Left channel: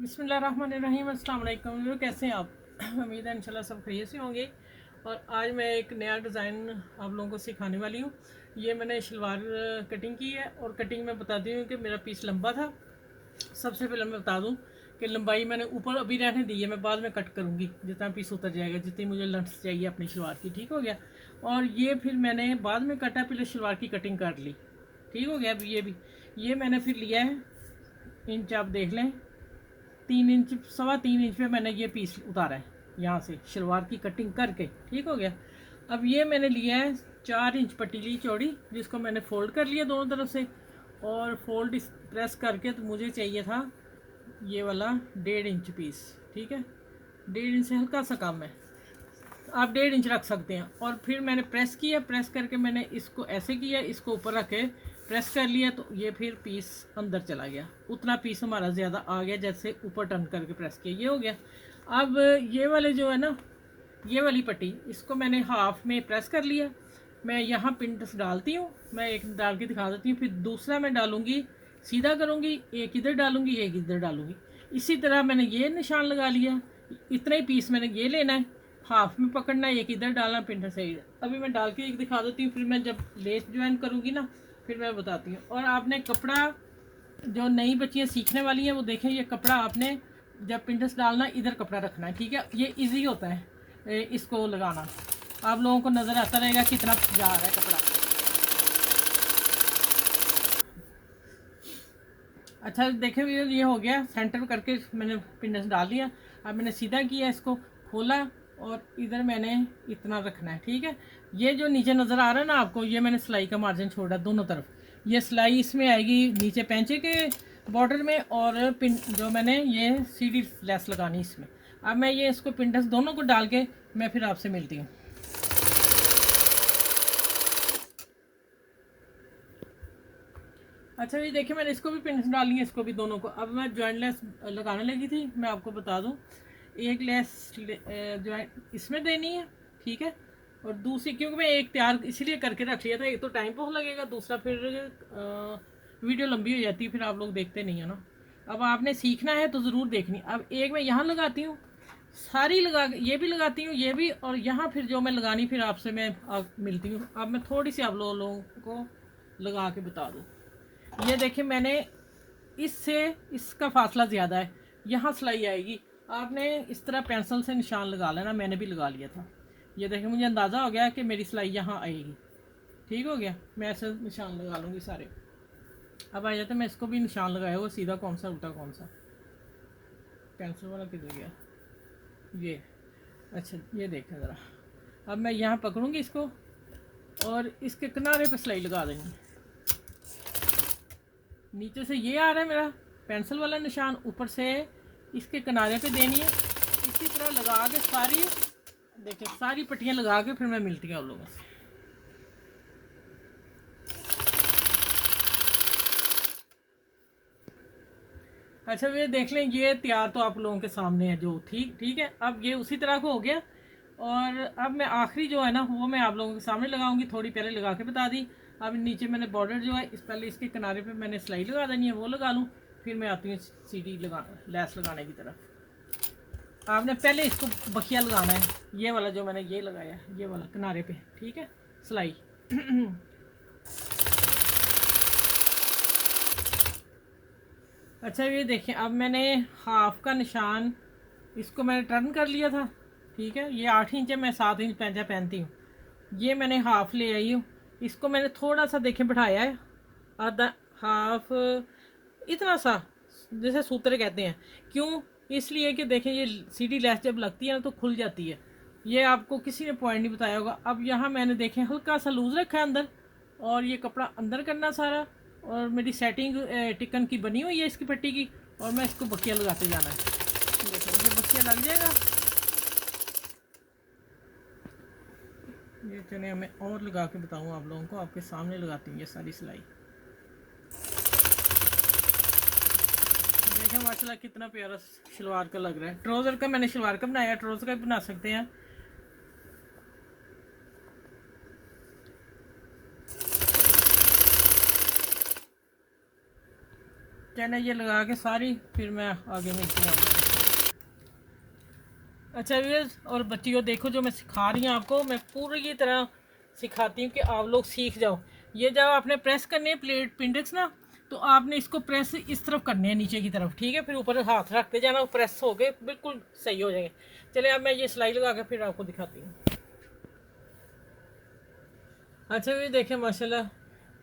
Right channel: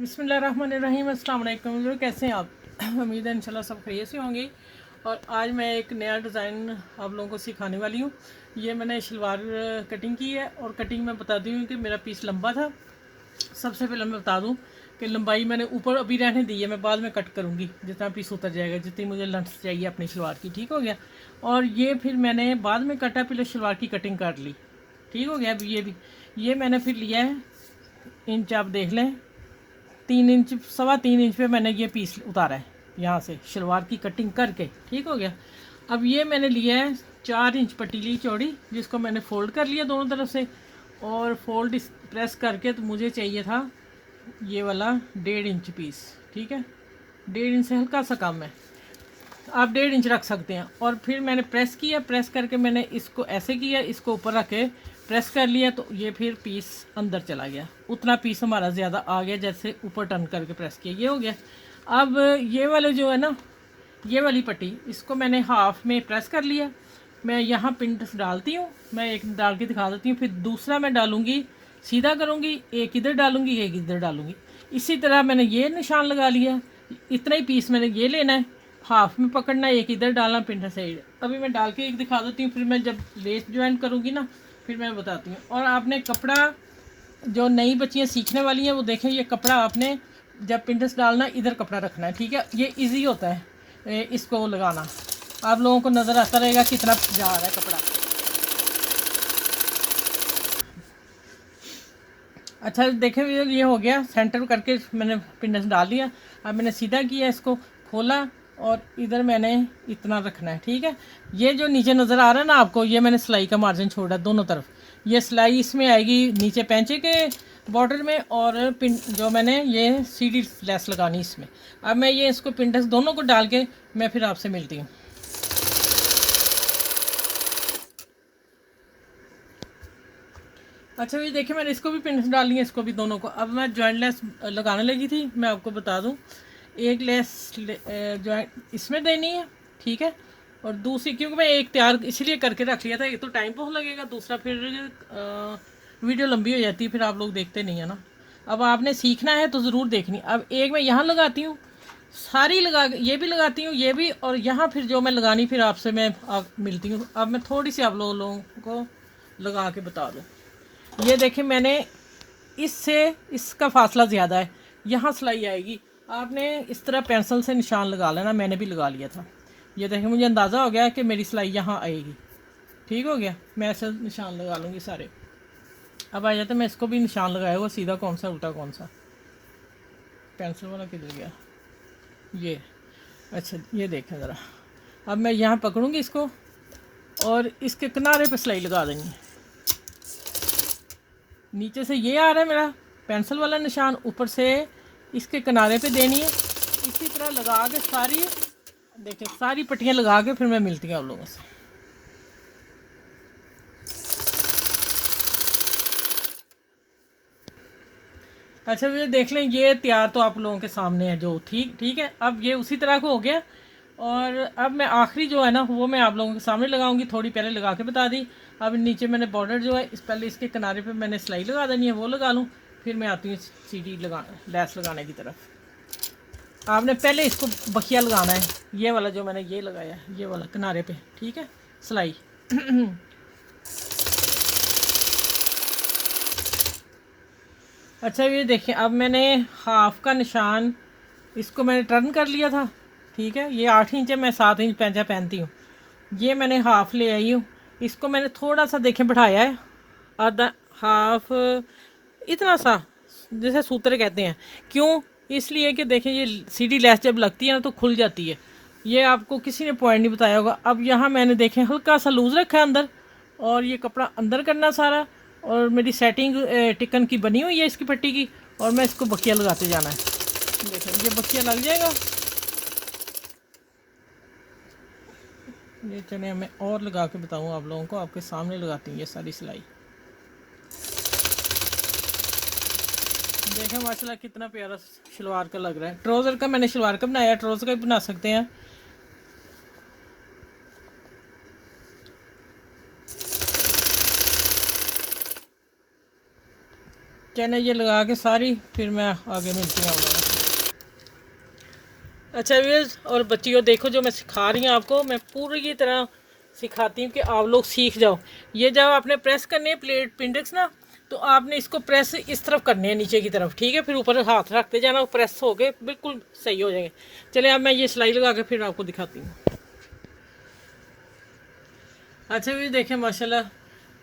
बिस्मिल्लाहिर्रहमानिर्रहीम। अस्सलाम वालेकुम। कैसे हैं आप? उम्मीद है इंशाल्लाह सब खैरियत से होंगे। और आज मैं एक नया डिज़ाइन आप लोगों को सिखाने वाली हूँ। ये मैंने शलवार कटिंग की है और कटिंग में बताती हूँ कि मेरा पीस लंबा था। सबसे पहले मैं बता दूँ कि लंबाई मैंने ऊपर अभी रहने दी है, मैं बाद में कट करूँगी जितना पीस उतर जाएगा, जितनी मुझे लेंथ चाहिए अपनी शलवार की। ठीक हो गया। और ये फिर मैंने बाद में कटा, पहले शलवार की कटिंग कर ली। ठीक हो गया। अब ये मैंने फिर लिया है इंच, आप देख लें 3 इंच, 3.25 इंच पे मैंने ये पीस उतारा है यहाँ से शलवार की कटिंग करके। ठीक हो गया। अब ये मैंने लिया है 4 इंच पतीली चौड़ी, जिसको मैंने फोल्ड कर लिया दोनों तरफ से। और फोल्ड प्रेस करके तो मुझे चाहिए था ये वाला 1.5 इंच पीस। ठीक है, 1.5 इंच से हल्का सा कम है, आप 1.5 इंच रख सकते हैं। और फिर मैंने प्रेस किया, प्रेस करके मैंने इसको ऐसे किया, इसको ऊपर रख के प्रेस कर लिया, तो ये फिर पीस अंदर चला गया। उतना पीस हमारा ज़्यादा आ गया जैसे ऊपर टर्न करके प्रेस किया, ये हो गया। अब ये वाले जो है ना, ये वाली पट्टी, इसको मैंने हाफ में प्रेस कर लिया। मैं यहाँ पिंटस डालती हूँ, मैं एक डाल के दिखा देती हूँ, फिर दूसरा मैं डालूँगी, सीधा करूँगी, एक इधर डालूँगी, एक इधर डालूँगी। इसी तरह मैंने ये निशान लगा लिया। इतना ही पीस मैंने ये लेना है, हाफ में पकड़ना, एक इधर डालना, पिंटस साइड। अभी मैं डाल के एक दिखा देती हूँ, फिर मैं जब लेस ज्वाइन करूँगी ना फिर मैं बताती हूँ। और आपने कपड़ा, जो नई बच्चियाँ सीखने वाली हैं वो देखें, ये कपड़ा आपने जब पिंटस डालना इधर कपड़ा रखना है। ठीक है, ये इजी होता है इसको लगाना। आप लोगों को नज़र आता रहेगा कितना जा रहा है कपड़ा। अच्छा देखें, ये हो गया, सेंटर करके मैंने पिंडस डाल दिया। अब मैंने सीधा किया, इसको खोला और इधर मैंने इतना रखना है। ठीक है, ये जो नीचे नज़र आ रहा है ना आपको, ये मैंने सिलाई का मार्जिन छोड़ा दोनों तरफ। ये सिलाई इसमें आएगी नीचे पैंचे के बॉर्डर में, और पिन जो मैंने ये सीधी लेस लगानी इसमें। अब मैं ये इसको पिंडस दोनों को डाल के मैं फिर आपसे मिलती हूँ। अच्छा ये देखिए, मैंने इसको भी पिंस डाल ली है, इसको भी दोनों को। अब मैं जॉइंट लेस लगाने लगी थी, मैं आपको बता दूं, एक लेस जॉइंट इसमें देनी है। ठीक है, और दूसरी, क्योंकि मैं एक तैयार इसलिए करके रख लिया था, एक तो टाइम बहुत लगेगा, दूसरा फिर वीडियो लंबी हो जाती है, फिर आप लोग देखते नहीं है ना। अब आपने सीखना है तो ज़रूर देखनी। अब एक मैं यहाँ लगाती हूँ, सारी लगा, ये भी लगाती हूँ, ये भी, और यहाँ फिर जो मैं लगानी फिर आपसे मैं मिलती हूँ। अब मैं थोड़ी सी आप लोगों को लगा के बता दूँ। ये देखें, मैंने इससे इसका फासला ज़्यादा है, यहाँ सिलाई आएगी। आपने इस तरह पेंसिल से निशान लगा लेना, मैंने भी लगा लिया था। ये देखें, मुझे अंदाज़ा हो गया कि मेरी सिलाई यहाँ आएगी। ठीक हो गया, मैं ऐसे निशान लगा लूँगी सारे। अब आ जाते, मैं इसको भी निशान लगाया हुआ, सीधा कौन सा उल्टा कौन सा, पेंसिल वाला किधर गया ये। अच्छा ये देखें ज़रा, अब मैं यहाँ पकड़ूँगी इसको और इसके किनारे पर सिलाई लगा देंगी। नीचे से ये आ रहा है मेरा पेंसिल वाला निशान, ऊपर से इसके किनारे पे देनी है। इसी तरह लगा के सारी, देखिए सारी पट्टियाँ लगा के फिर मैं मिलती हूँ आप लोगों से। अच्छा ये देख लें, ये तैयार तो आप लोगों के सामने है जो, ठीक ठीक है। अब ये उसी तरह का हो गया। और अब मैं आखिरी जो है ना वो मैं आप लोगों के सामने लगाऊंगी, थोड़ी पहले लगा के बता दी। अब नीचे मैंने बॉर्डर जो है, इस पहले इसके किनारे पे मैंने सिलाई लगा देनी है, वो लगा लूँ, फिर मैं आती हूँ सीढ़ी लगा, लैस लगाने की तरफ। आपने पहले इसको बखिया लगाना है, ये वाला जो मैंने ये लगाया है, ये वाला किनारे पे। ठीक है, सिलाई। अच्छा ये देखें, अब मैंने हाफ का निशान, इसको मैंने टर्न कर लिया था। ठीक है, ये 8 इंच है, मैं 7 इंच पैंचा पहनती हूँ। ये मैंने हाफ ले आई हूँ, इसको मैंने थोड़ा सा देखें बढ़ाया है, आधा हाफ, इतना सा, जैसे सूत्र कहते हैं। क्यों? इसलिए कि देखें, ये सीधी लेस जब लगती है ना तो खुल जाती है। ये आपको किसी ने पॉइंट नहीं बताया होगा। अब यहाँ मैंने देखें हल्का सा लूज़ रखा है अंदर, और ये कपड़ा अंदर करना सारा, और मेरी सेटिंग टिकन की बनी हुई है इसकी पट्टी की, और मैं इसको बखिया लगाते जाना है। देखें ये बखिया लग जाएगा। ये चलिए मैं और लगा के बताऊँ आप लोगों को, आपके सामने लगाती हूँ ये सारी सिलाई। देखें माशाल्लाह कितना प्यारा शलवार का लग रहा है। ट्राउज़र का मैंने शलवार का बनाया, ट्राउज़र का भी बना सकते हैं। चैन ये लगा के सारी, फिर मैं आगे मिलती हूँ। अच्छा व्यूअर्स और बच्चियों, देखो जो मैं सिखा रही हूँ आपको, मैं पूरी तरह सिखाती हूँ कि आप लोग सीख जाओ। ये जब आपने प्रेस करनी है प्लेट पिंडेक्स ना, तो आपने इसको प्रेस इस तरफ करने हैं, नीचे की तरफ, ठीक है। फिर ऊपर हाथ रखते जाना, प्रेस हो गए बिल्कुल सही हो जाएंगे। चलिए अब मैं ये सिलाई लगा के फिर आपको दिखाती हूँ। अच्छा भी देखें माशाल्लाह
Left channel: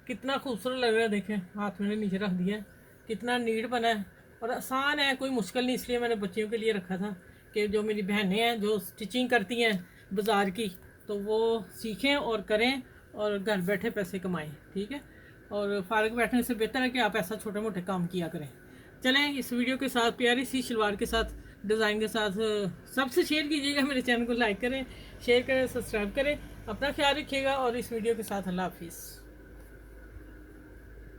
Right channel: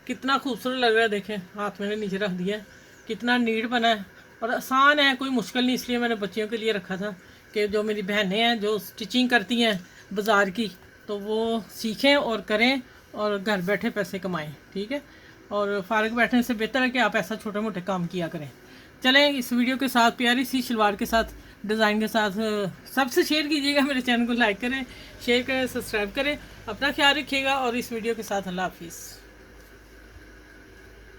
कितना खूबसूरत लग रहा है। देखें हाथ मैंने नीचे रख दिया है, कितना नीट बना है और आसान है, कोई मुश्किल नहीं। इसलिए मैंने बच्चियों के लिए रखा था कि जो मेरी बहनें हैं जो स्टिचिंग करती हैं बाज़ार की, तो वो सीखें और करें और घर बैठे पैसे कमाएं, ठीक है। और फारग बैठने से बेहतर है कि आप ऐसा छोटे मोटे काम किया करें। चलें इस वीडियो के साथ प्यारी सी शलवार के साथ डिज़ाइन के साथ सबसे शेयर कीजिएगा, मेरे चैनल को लाइक करें, शेयर करें, सब्सक्राइब करें। अपना ख्याल रखिएगा और इस वीडियो के साथ अल्लाह हाफिज़।